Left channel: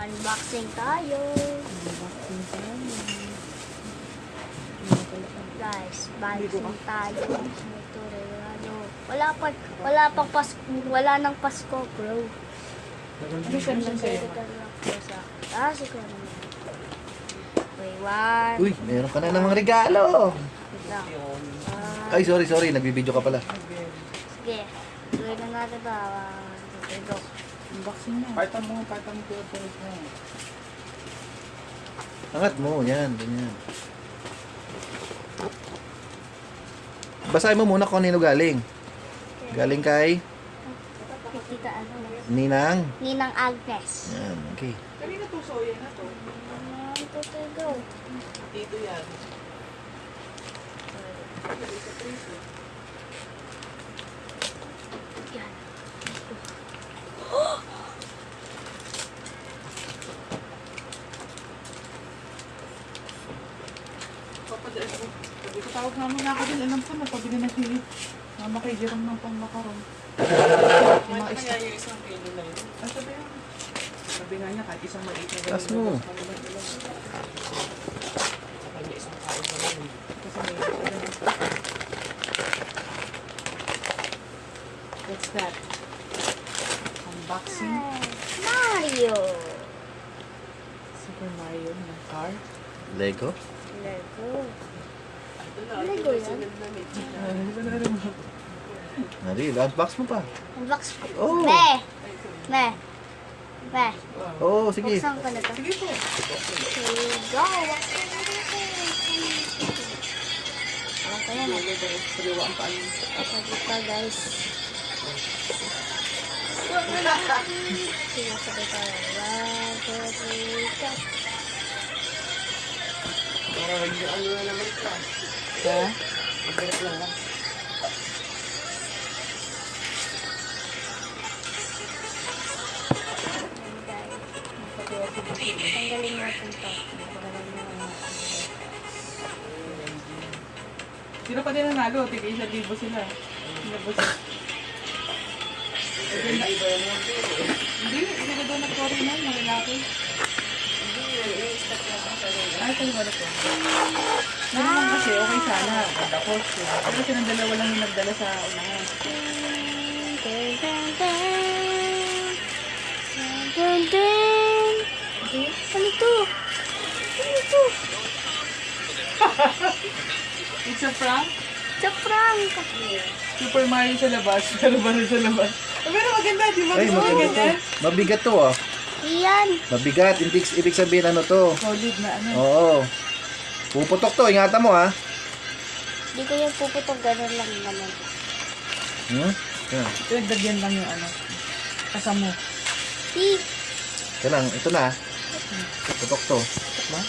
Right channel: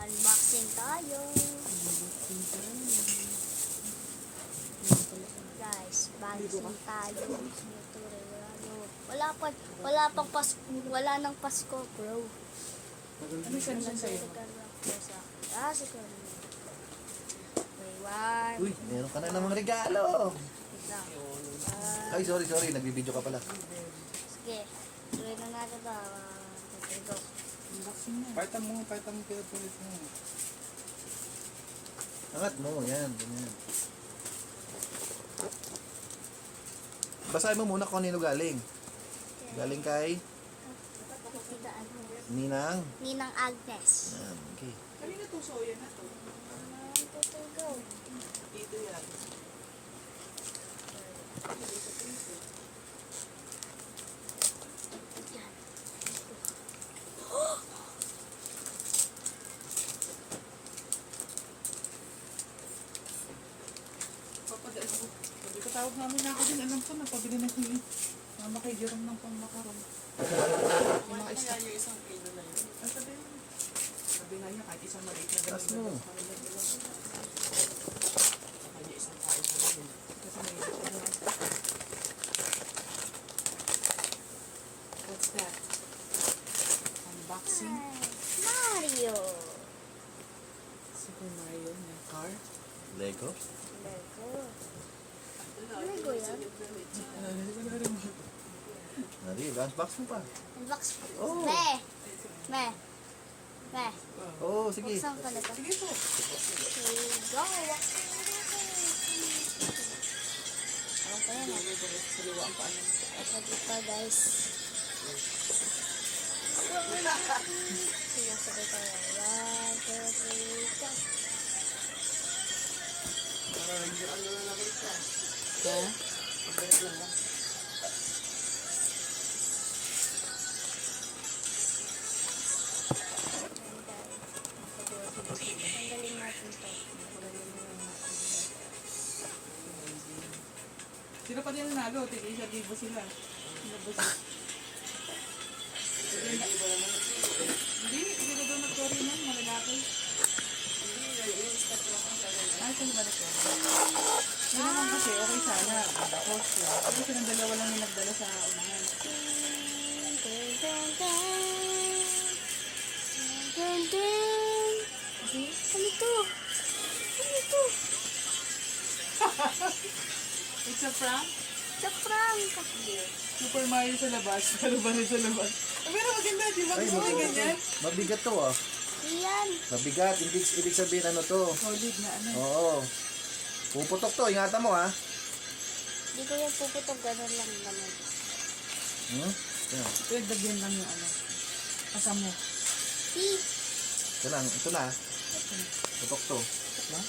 Unboxing tayo. Unboxing tayo. Guys, unboxing tayo. Ito rin, ano. Wala pang Pasko. Wala nang Pasko, bro. Ano siya naman sa'yo? Siguro. Okay, one. Uy, meron ka na namang regalo. Wait lang. Ay, sorry. Nagbibideo ka pala. Sige. Tuloy na natin ito. Ito. Unboxing na. Paitan mo po. Angat mo, yan, ganyan. Basahin mo muna kung kanino galing. Galing kay Tita, ano? Ninang. Ninang Agnes. Yan, okay. Kanina to, soya na to. Ito, go. Dito yan. Yan. Tawag namin na ako din. Alam ko, napabili na sili. Mama kay Jerome ng pang makarong. Yung mga isa. Yung isang kilo na yun. Ano sabi yan? Sabi nga niya, kahit isang maliit na Tas mo. Kanya isang kain na lang. Kasi may isa ganun. What's that? Unboxing. Mario. Super Mario ng car. Lego. Lego. Ito na, Lego yan. Ito na rin mo. Nari, unbox mo pa. Unbox ko. Oh. Me. Oo, sige. Buksan ko na to. Sige po. Here we go. Okay na. Saliwa ang paan. Sabi ka, guys. Sige, sabi ka. 1, 2, 3, go. Para ano na naman ito. Ha? Mabirat lang lang. Tanggalin natin to. Sino pa din nanalo? Tigil 1,000 sila. Nabos. Hindi ba yan ang pilo? Hindi ba doon nag-story na? Malalaki. Hindi, yung step lang ang sarili. Ay, kayo ba ito? Naman kasi, okay sana. Ganda ko. Pero silang dalawa lang yung nagdala sa unahan. Dun, dun, dun. Dun, dun. Ano to? Ano to? It's a prank? Sa prank. Super Mario sa labas. Pero ba sa labas? Pero maganda, di ba? Ay, Gusto mo maganda to. ganyan? Mabigat to, oh. Iyan. Mabigat. Ibig sabihin, ano to? Solid na ano. Oo. Puputok to. Ingatan mo, ha. Di ko yung puputok. Ganun lang naman. Hmm? Yan. Pinagdagyan lang yung ano. Kasamo. Si. Yan lang. Ito na. Putok to. Ba?